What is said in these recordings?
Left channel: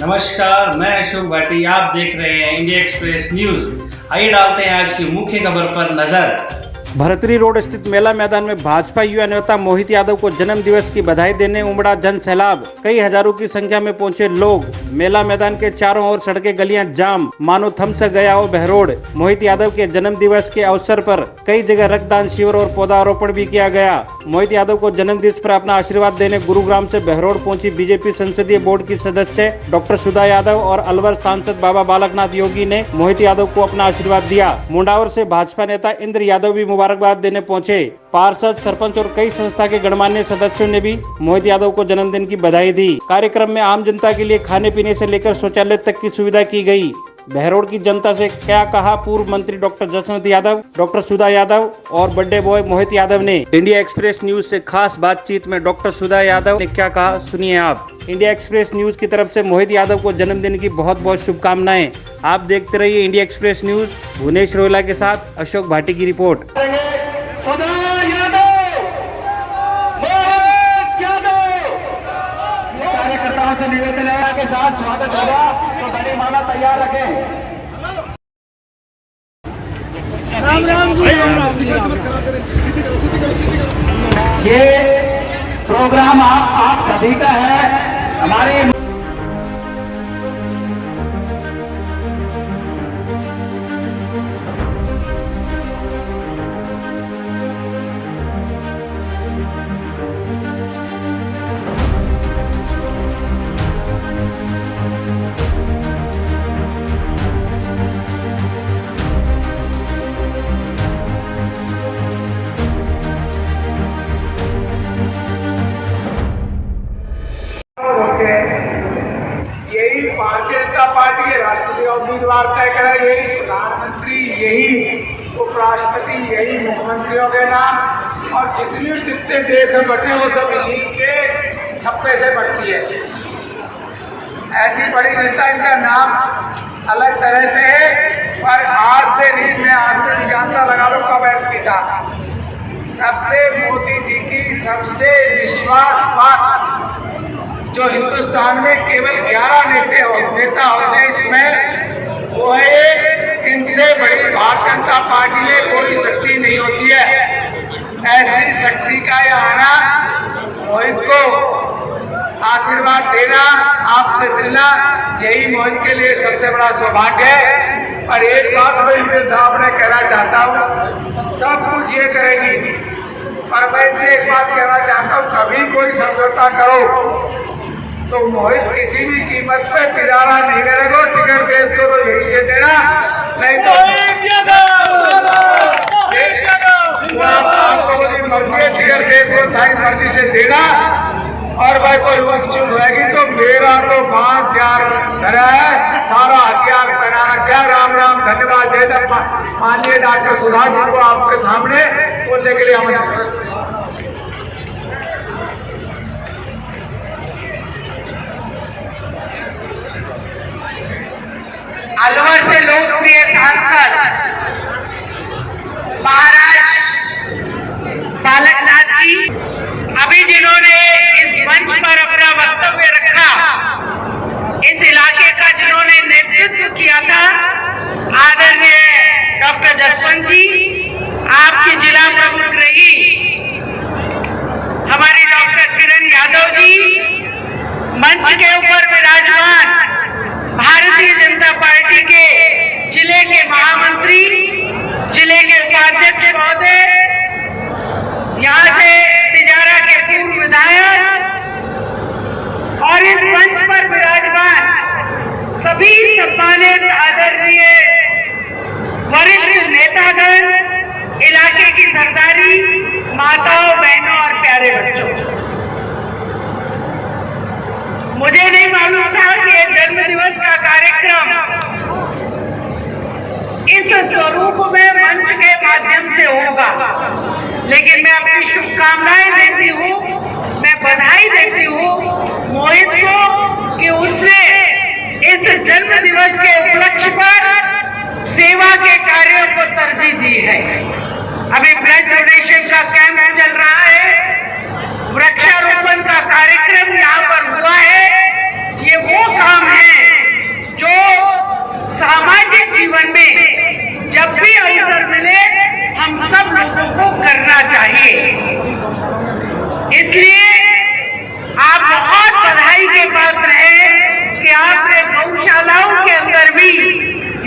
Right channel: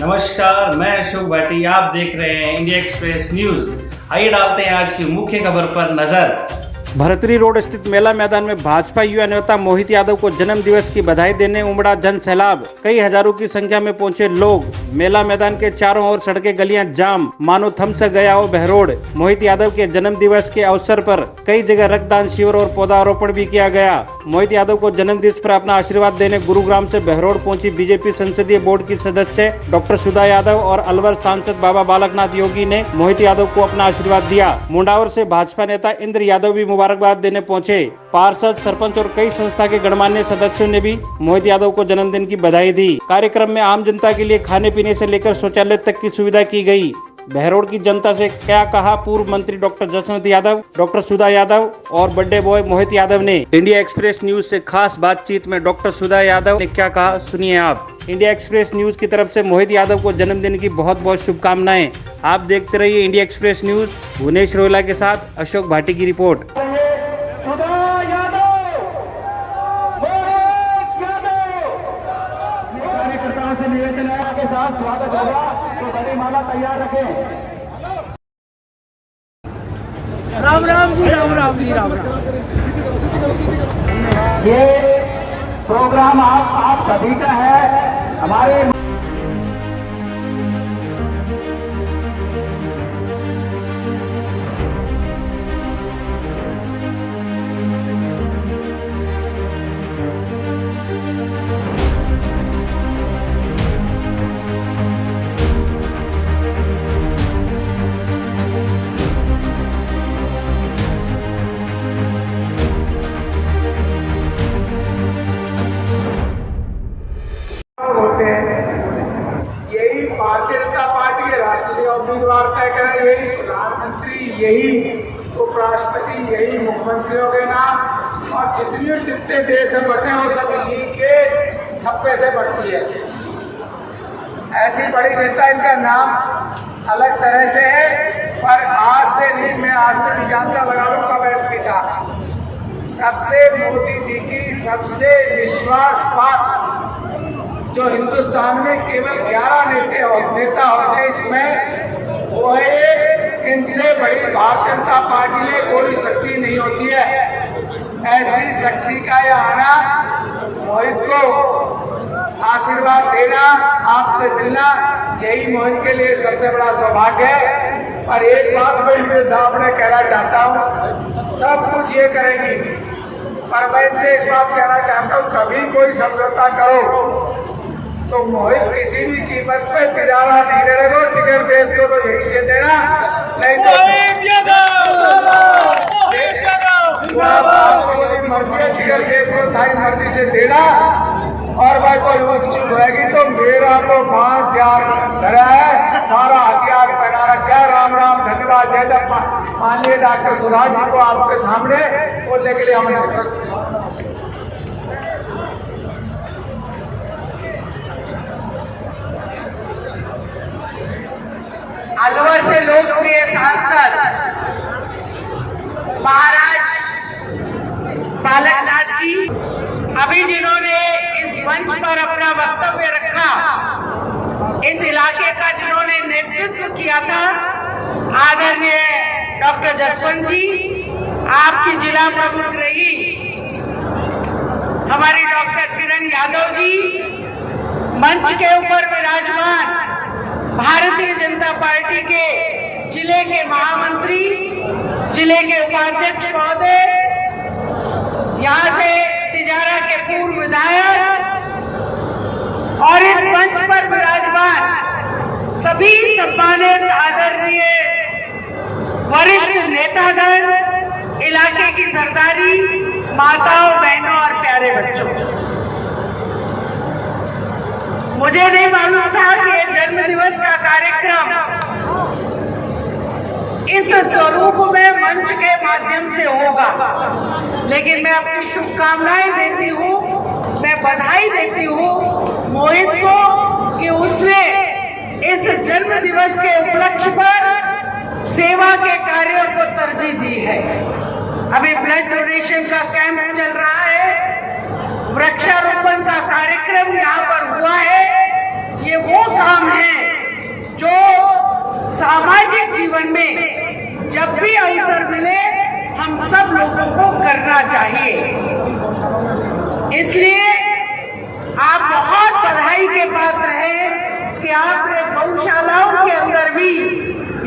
नमस्कार, मैं अशोक भाटी। आप देख रहे हैं इंडिया एक्सप्रेस न्यूज। आइए डालते हैं आज की मुख्य खबर पर नजर। भरतरी रोड स्थित मेला मैदान में भाजपा युवा नेता मोहित यादव को जन्म दिवस की बधाई देने उमड़ा जन सैलाब। कई हजारों की संख्या में पहुंचे लोग। मेला मैदान के चारों ओर सड़कें गलियां जाम, मानो थम सा गया हो बहरोड। मोहित यादव के जन्म दिवस के अवसर पर कई जगह रक्तदान शिविर और पौधारोपण भी किया गया। मोहित यादव को जन्म दिवस पर अपना आशीर्वाद देने गुरुग्राम से बहरोड पहुंची बीजेपी संसदीय बोर्ड की सदस्य डॉक्टर सुधा यादव और अलवर सांसद बाबा बालकनाथ योगी ने मोहित यादव को अपना आशीर्वाद दिया। मुंडावर से भाजपा नेता इंद्र यादव भी मुबारकबाद देने पहुंचे। पार्षद, सरपंच और कई संस्था के गणमान्य सदस्यों ने भी मोहित यादव को जन्मदिन की बधाई दी। कार्यक्रम में आम जनता के लिए खाने पीने से लेकर शौचालय तक की सुविधा की गई। बहरोड की जनता से क्या कहा पूर्व मंत्री डॉक्टर जसवंत यादव, डॉक्टर सुधा यादव और बर्थडे बॉय मोहित यादव ने। इंडिया एक्सप्रेस न्यूज से खास बातचीत में डॉक्टर सुधा यादव ने क्या कहा, सुनिए आप। इंडिया एक्सप्रेस न्यूज की तरफ से मोहित यादव को जन्मदिन की बहुत बहुत शुभकामनाएं। आप देखते रहिए India Express news. Bhuvnesh Rohila के साथ अशोक भाटी की रिपोर्ट। कार्यकर्ताओं से निवेदन है के साथ स्वागत होगा, तो बड़ी माला तैयार रखें। राम राम जी, राम राम जी, राम राम। ये प्रोग्राम आप सभी का है। हमारे यही भारतीय जनता पार्टी के राष्ट्रपति उम्मीदवार तय करे, यही प्रधानमंत्री, यही उपराष्ट्रपति, यही मुख्यमंत्रियों के नाम और जितने देश में बटे हैं सब इन्हीं के ठप्पे से बढ़ती है। ऐसी बड़ी नेता, इनका नाम अलग तरह से है, पर आज से नहीं, मैं आज से नहीं जानता, लगा लो कब बैठती था। तब से मोदी जी की सबसे विश्वास बात जो हिंदुस्तान में केवल 11 नेता होते हैं इसमें, वो है इनसे बड़ी भारतीय जनता पार्टी में कोई शक्ति नहीं होती है। ऐसी शक्ति का ये आना, मोहित को आशीर्वाद देना, आपसे मिलना, यही मोहित के लिए सबसे बड़ा सौभाग्य है। और एक बात मैं इनके सामने कहना चाहता हूँ, सब कुछ ये करेगी, पर मैं इनसे एक बात कहना चाहता हूँ, कभी कोई समझौता करो तो मोहित किसी भी कीमत पे पिजारा नहीं मिलेगा। टिकट बेच को तो यही से देना, नहीं तो टिकट बेच को थाई मर्जी से देना। और भाई कोई वक्त चुप रहेगी तो मेरा तो 5 धरा है, सारा हथियार पहना रखा है। राम राम, धन्यवाद, जय धन्यवाद। माननीय डॉक्टर सुधा जी को आपके सामने बोलने के लिए हम अलवर से लोकप्रिय सांसद महाराज बालकनाथ जी, अभी जिन्होंने इस मंच पर अपना वक्तव्य रखा, इस इलाके का जिन्होंने नेतृत्व किया था, आदरणीय डॉक्टर जसवंत जी, आपकी जिला प्रमुख रही हमारी डॉक्टर किरण यादव जी, मंच के ऊपर विराजमान भारतीय जनता पार्टी के जिले के महामंत्री, जिले के उपाध्यक्ष महोदय, यहाँ से तिजारा के पूर्व विधायक और इस मंच पर विराजमान सभी सम्मानित आदरणीय वरिष्ठ नेतागण, इलाके की सरदारी, माताओं, बहनों और प्यारे बच्चों, मुझे नहीं मालूम था कि ये जन्म दिवस का कार्यक्रम इस स्वरूप में मंच के माध्यम से होगा, लेकिन मैं अपनी शुभकामनाएं देती हूँ, मैं बधाई देती हूँ मोहित को कि उसने इस जन्म दिवस के उपलक्ष्य पर सेवा के कार्यों को तरजीह दी है। अभी ब्लड डोनेशन का कैंप चल रहा है, वृक्षारोपण का कार्यक्रम यहाँ पर हुआ है। ये वो काम है कि आपने गौशालाओं के अंदर भी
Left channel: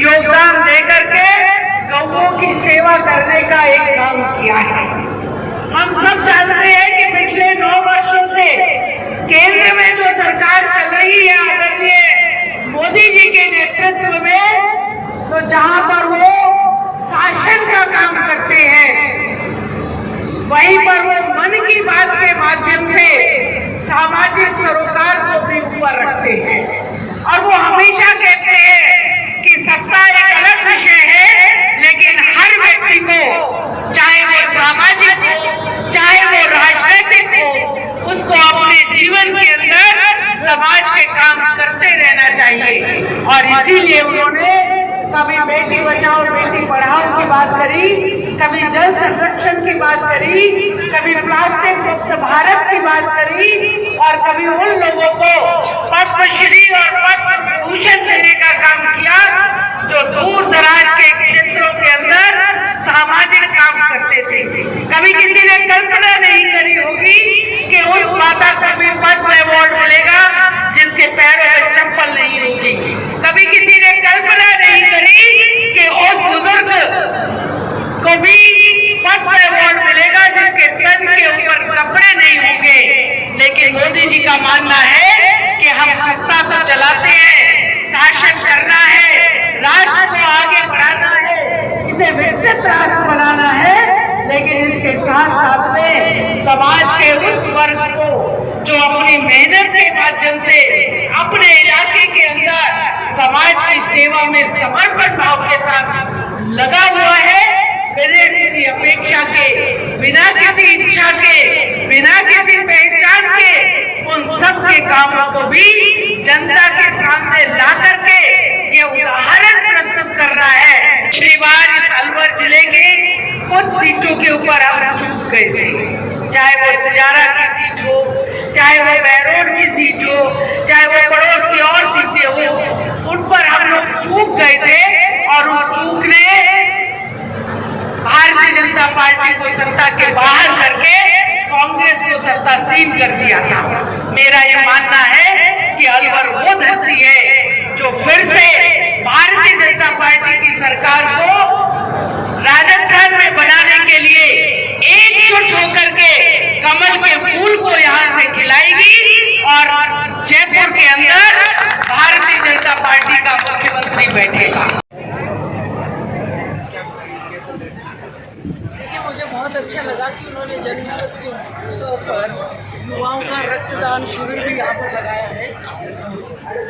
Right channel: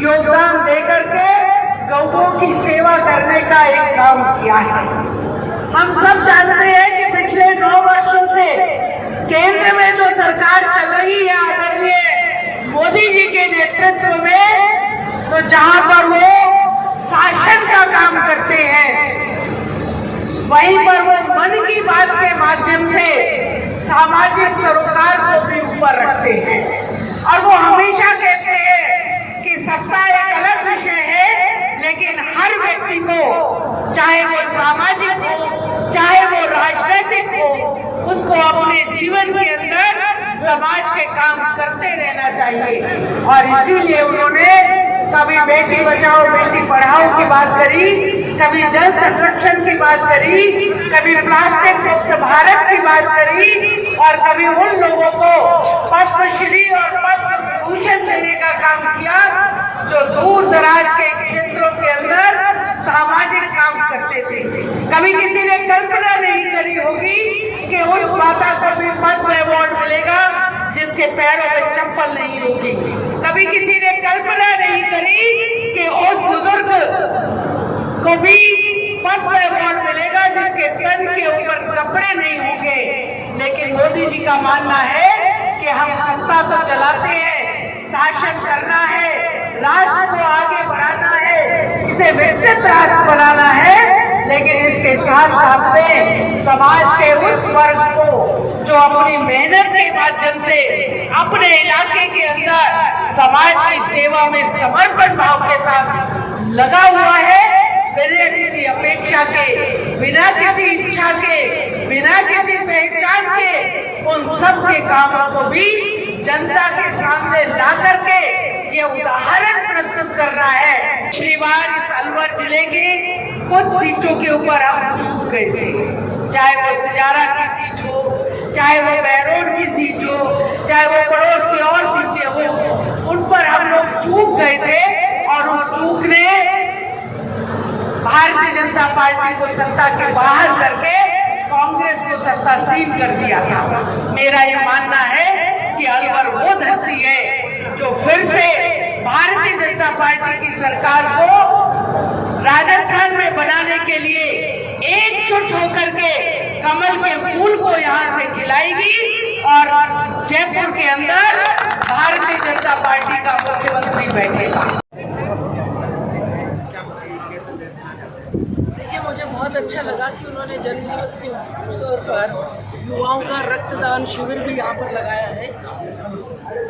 योगदान दे करके गौओं की सेवा करने का एक काम किया है। हम सब जानते हैं कि पिछले 9 वर्षों से केंद्र में जो सरकार चल रही है आदरणीय मोदी जी के नेतृत्व में, तो जहां पर वो शासन का काम करते हैं, वहीं पर वो मन की बात के माध्यम से सामाजिक सरोकार को भी ऊपर रखते हैं। और वो हमेशा कहते हैं कि सत्ता एक अलग विषय है, लेकिन हर व्यक्ति को, चाहे वो सामाजिक हो चाहे वो राजनीतिक हो, उसको अपने जीवन के अंदर समाज के काम करते रहना चाहिए। और इसीलिए उन्होंने कभी बेटी बचाओ बेटी पढ़ाओ की बात करी, कभी जल संरक्षण की बात करी, कभी प्लास्टिक मुक्त भारत की बात करी, और कभी उन लोगों को पद्मश्री और पद्म विभूषण देने का काम किया जो दूर दराज के क्षेत्रों के अंदर सामाजिक काम करते थे। कभी किसी ने कल्पना नहीं करी होगी कि उस माता को भी पद्म अवार्ड मिलेगा जिसके पैरों में चप्पल नहीं होगी। कभी किसी ने कल्पना नहीं करी कि उस बुजुर्ग को भी पद्म अवार्ड मिलेगा जिसके तन के ऊपर कपड़े नहीं होंगे। लेकिन मोदी जी का मानना है कि हम सत्ता तो चलाते हैं, शासन करना है, राष्ट्र को आगे बढ़ाना है, इसे विकसित राष्ट्र बनाना है, लेकिन इसके साथ साथ में समाज के उस वर्ग को जो अपनी मेहनत के माध्यम से अपने इलाके के अंदर समाज की सेवा में समर्पण भाव के साथ लगा हुआ है, बिना किसी अपेक्षा के, बिना किसी इच्छा के, बिना किसी पहचान के, उन सब के कामों को भी जनता के सामने ला करके ये उदाहरण प्रस्तुत कर रहा है। पिछली बार इस अलवर जिले के कुछ सीटों के ऊपर हम चूक गए थे, चाहे वो तिजारा की सीट हो, चाहे वो बैरोड की सीट हो, चाहे वो पड़ोस की और सीटें हो, उन पर हम लोग चूक गए थे। और उस चूक ने भारतीय जनता पार्टी को सत्ता के बाहर करके कांग्रेस को सत्तासीन कर दिया था। मेरा ये मानना है कि अलवर वो धरती है जो फिर से भारतीय जनता पार्टी की सरकार को राजस्थान में बनाने के लिए एकजुट होकर के कमल के फूल को यहाँ से खिलाएगी और जयपुर के अंदर भारतीय जनता पार्टी का मुख्यमंत्री बैठेगा। देखिए, मुझे बहुत अच्छा लगा कि उन्होंने जन्मदिवस के अवसर पर युवाओं का रक्तदान शिविर भी यहाँ पर लगाया है।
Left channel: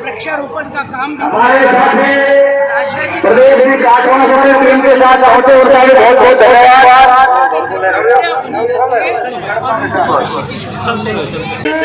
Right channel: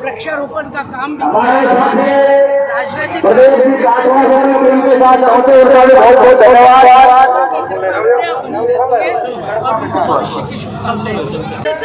वृक्षारोपण का काम भी राजनीतिक और उनको भविष्य की शुभकामनाएं।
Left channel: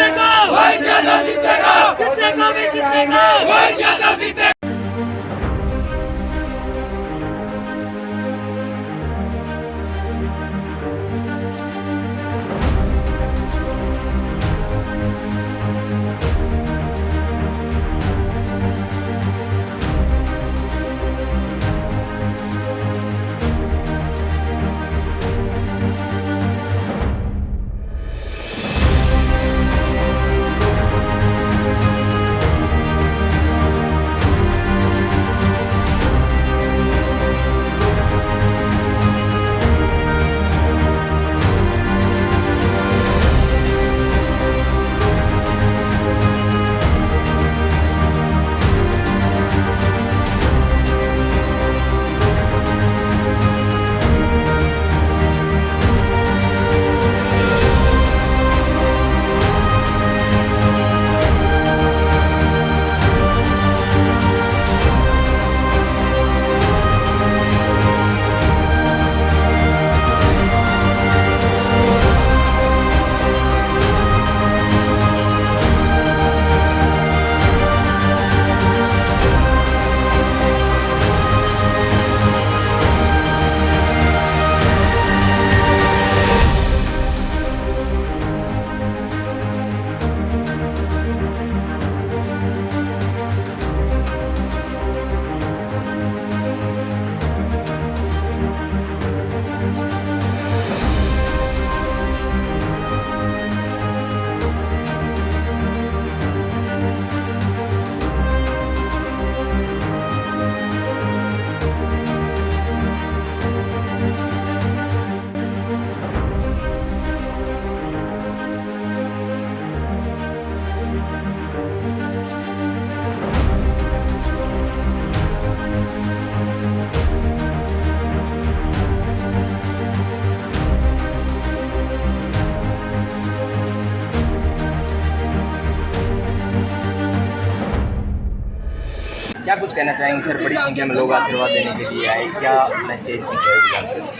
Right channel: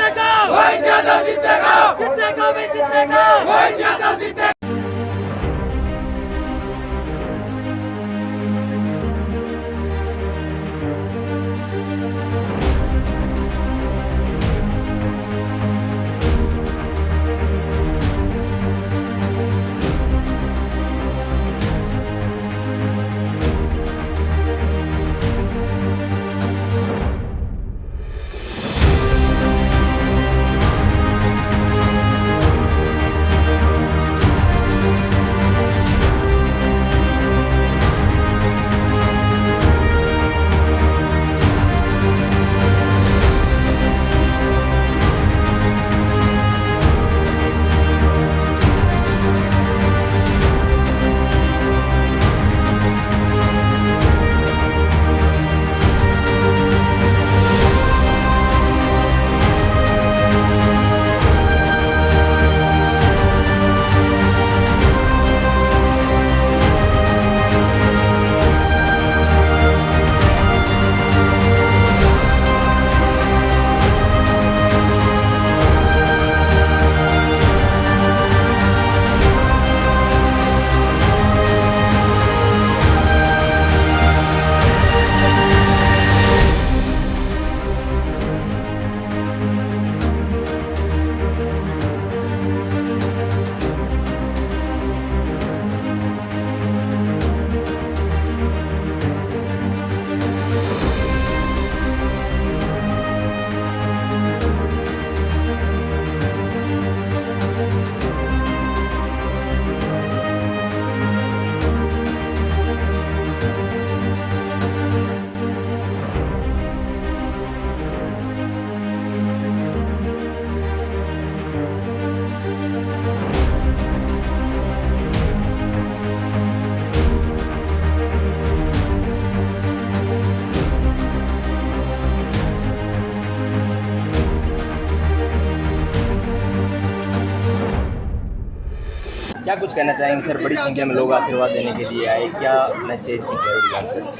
क्या कुछ कहना चाहेंगे सर? बड़ी संख्या में लोग आशीर्वाद देने के लिए आए, क्या मैसेज की?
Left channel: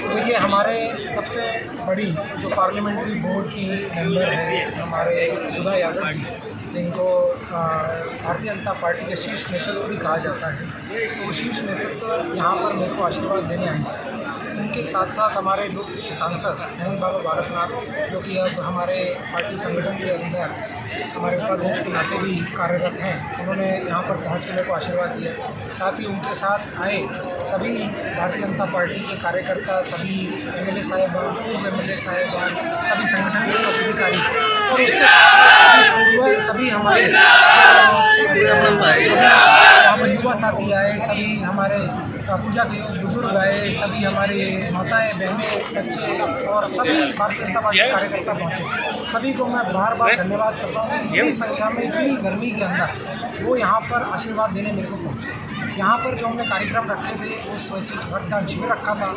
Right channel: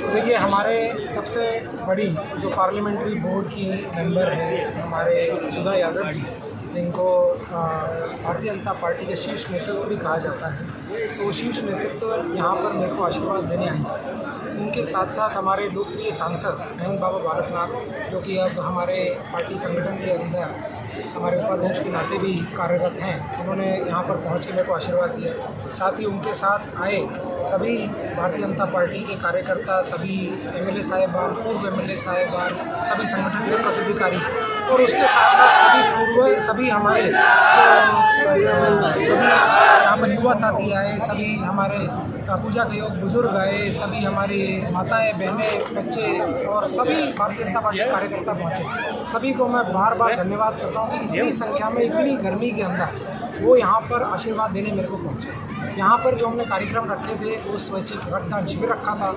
देखिए, हमारे सबसे बड़ी जो पार्लियामेंट्री बोर्ड की मेंबर है हमारे सुधा यादव जी, जिनको भारतीय जनता पार्टी के शीर्ष नेतृत्व भी कहा जाता है, तो वो शीर्ष नेतृत्व यहाँ पर मेरे को आशीर्वाद देने आए। उनके साथ साथ हमारे लोकप्रिय सांसद हेमंत बाबा बालकनाथ, जो कि अब हमारे पार्टी संगठन के अंदर हमारे उपाध्यक्ष के नाते भी कार्यरत हैं, उन्होंने यहाँ पर पहुँच के मेरे को आशीर्वाद दिया। साथ ही उनके साथ आए सभी भारतीय जनता पार्टी के कार्यकर्ता, सभी एमएलए साहिबान, पूर्व एमएलए साहिबान, सभी संगठन के पदाधिकारी, और उसके साथ साथ सभी हमारे यहाँ पर युवा साथी आए, सभी हमारे पूजा के योग बुजुर्ग आए, सभी हमारी माताएं, बहनें, बच्चे और सभी भारतीय जनता पार्टी के कार्यकर्ता पहुँचे। सभी को मैं बार बार धन्यवाद करता हूँ कि इतनी संख्या में, इतनी गर्मी के अंदर वो यहाँ पर आशीर्वाद देने मेरे को पहुँचे। यहाँ पर जो हमने कार्यक्रम रखे थे वो स्वैच्छिक रक्तदान शिविर रखा था।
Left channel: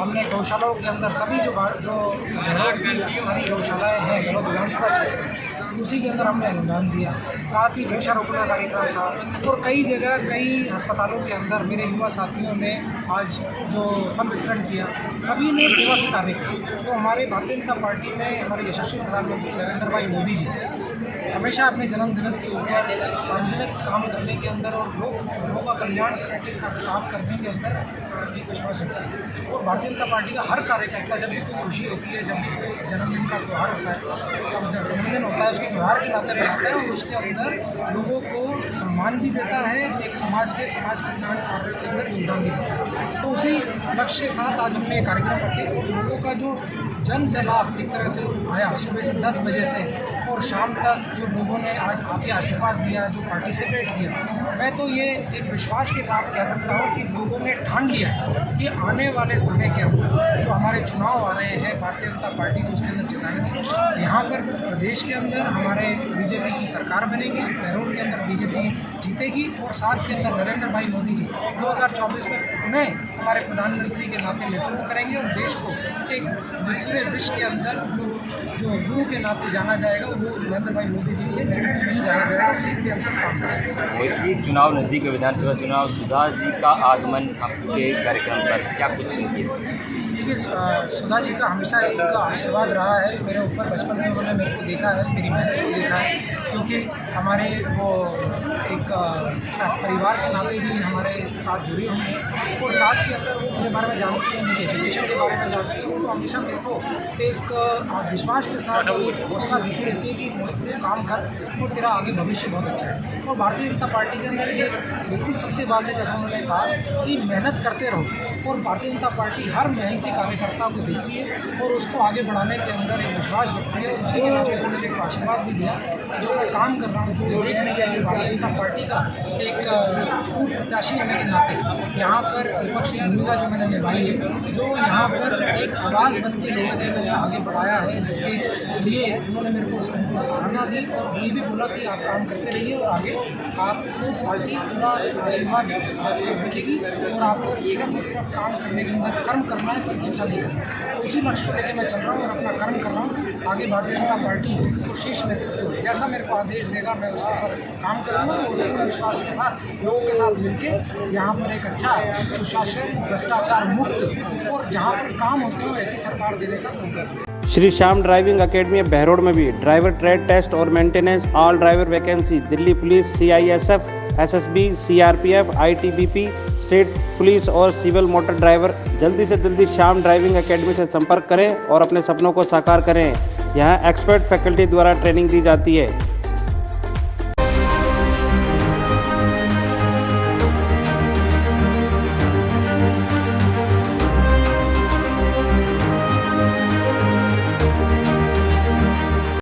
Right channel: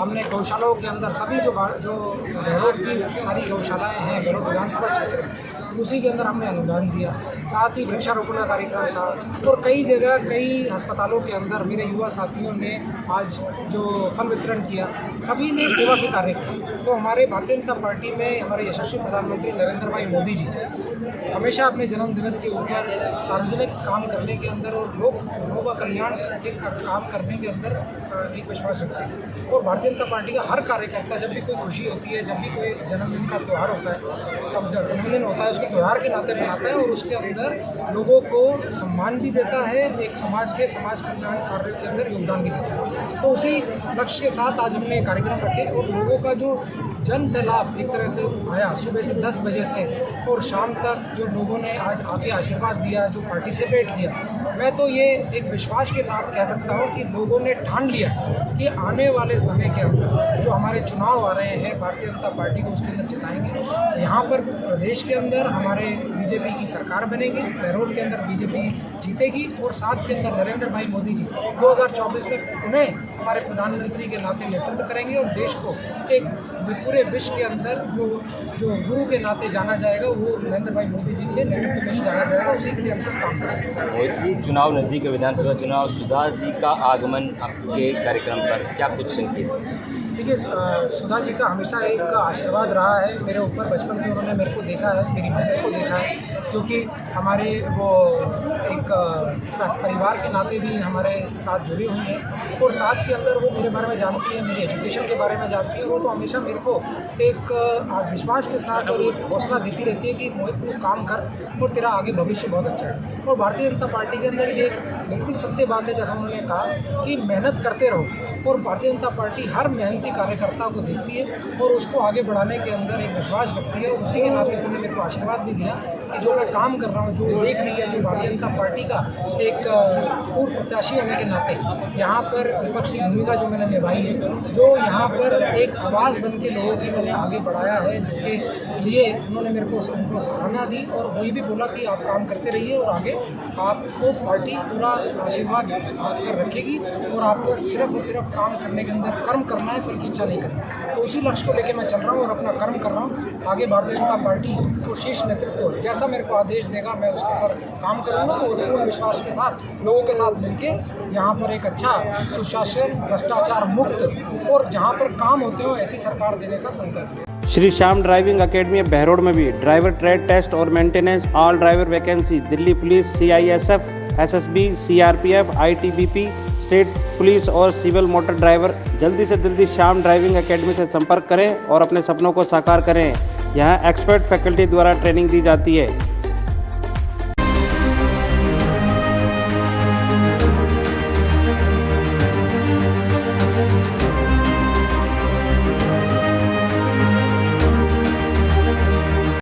हमने गौशालाओं के अंदर सभी जो बहरोड की सारी गौशालाएँ हैं बहरोड विधानसभा क्षेत्र में, उसी के अंदर हमने अनुदान दिया। साथ ही वृक्षारोपण का कार्यक्रम था और कई जगह कई अस्पतालों के अंदर मेरे युवा साथियों ने आज जो फल वितरण किया, सभी ने सेवा के कार्य किए। तो हमारे भारतीय जनता पार्टी में हमारे यशस्वी प्रधानमंत्री नरेंद्र भाई मोदी जी हमेशा अपने जन्मदिवस के ऊपर सार्वजनिक काम करने के अंदर और लोगों का कल्याण करने का काम करने के अंदर एक विश्वास रखते हैं। और भारतीय जनता पार्टी का हर कार्यकर्ता जब भी कोई खुशी होती है, जब भी कोई जन्मदिन का त्यौहार होता है, तब जन्मदिन होता है उसको त्यौहार के नाते मनाता है और उसके अंदर लोगों को सम्मान भी देता है, एक समाज कल्याण कार्य के अंदर योगदान भी देता है। तो उसी लक्ष्य के साथ आज हमने कार्यक्रम रखे और लोगों का जो जन से लाभ एक तरह से आया सुबह से 10 बजे से और शाम तक जो लोगों ने आज आके आशीर्वाद दिया, जो पार्टिसिपेट किया, मैं तो ये एक विश्वास के साथ कह सकता हूँ कि लोगों ने ठान लिया कि आने वाले समय के अंदर जो हमारे चुनाव आ रहे हैं भारतीय जनता पार्टी को उसके अंदर जिताएंगे। यहाँ पर प्रदेश के अंदर हमारे बीजेपी की सरकार बनेगी, बहरोड के अंदर बीजेपी जीतेगी और साथ के अंदर नरेंद्र भाई मोदी जी 2024 में पुनः हमारे प्रधानमंत्री के नाते नेतृत्व करेंगे और देश को एक पूरे विश्व के अंदर जो गुरु के नाते जाना जाएगा वो नरेंद्र भाई मोदी जी के नेतृत्व में ही जाना जाएगा। उसी के लिए हम सब काम करेंगे। मोदी जी, चुनाव नजदीक है, विधानसभा चुनाव, सुधा जी का आगमन आपके कार्यक्रम पर क्या कुछ संकेत? देखिए, सुधा जी का हमेशा एक आशीर्वाद रहा है मेरे ऊपर। बचपन से उन्होंने मेरे को देखा है, मेरी मेहनत को देखा है, क्योंकि हमारे वो एक परिवार के नाते भी हमारे साथ जुड़ी हुई हैं और साथ के अंदर वो मेरे बारे में जानती है, मेरी एजुकेशन के बारे में जानती है। वो तो हमेशा मेरे को एक विश्वास के साथ और एक हौसला देती रहती है कि मोहित तू काम कर और तेरा आगे भविष्य बहुत अच्छा है। और भारतीय जनता पार्टी के अंदर ये बिल्कुल सत्य बात है, जैसा उन्होंने कहा कि मेहनत करते रहो और भारतीय जनता पार्टी हर मेहनती कार्यकर्ता को देखती है और उसको आगे बढ़ाने के अंदर एक विश्वास रखती है। और उसी के नाते उसने मेरे को आशीर्वाद भी दिया कि जो मैं काम कर रहा हूँ, जो देख रही है, जो भारतीय जनता पार्टी का एक पूर्व प्रत्याशी होने के नाते यहाँ पर विपक्ष की भूमिका जो मैंने निभाई है, जो यहाँ पर एक आवाज़ बन के लोगों की मैंने आगे बढ़ाया है, जिसके लिए उन्होंने मेरे को उनको सराहना दी और ये भी बोला कि आप काम करते रहिए और आगे आपको पार्टी पूरा आशीर्वाद आपको रखेगी और आपको सिर्फ और सिर्फ काम करने के अंदर कर्म करना है, फिर इच्छा नहीं करना। तो उसी लक्ष्य को लेकर मैं चल रहा हूँ और अपना कर्म कर रहा हूँ। आगे भारतीय जनता पार्टी को शीर्ष नेतृत्व जैसा मेरे को आदेश देगा मैं उसके ऊपर काम करूँगा और पूर्ण विश्वास के साथ लोगों के साथ मिलकर यहाँ पर एक अच्छा सुशासन, भ्रष्टाचार मुक्त और जहाँ पर काम होते हो ऐसी सरकार देने का संकल्प। श्री श्याम ड्राइविंग एकेडमी बहरोड में भी ड्राइवर ट्रेड टेस्ट और maintenance, all driver vacancy Delhi police, CISF, SSB, CRPF, ITBP, state police और सिविल मोटर ड्राइवर। जल्दी से जल्दी श्याम ड्राइविंग एकेडमी से संपर्क करें और अपने सपनों को साकार करें। यहाँ एक्सपर्ट फैकल्टी द्वारा ट्रेनिंग दी जाती है।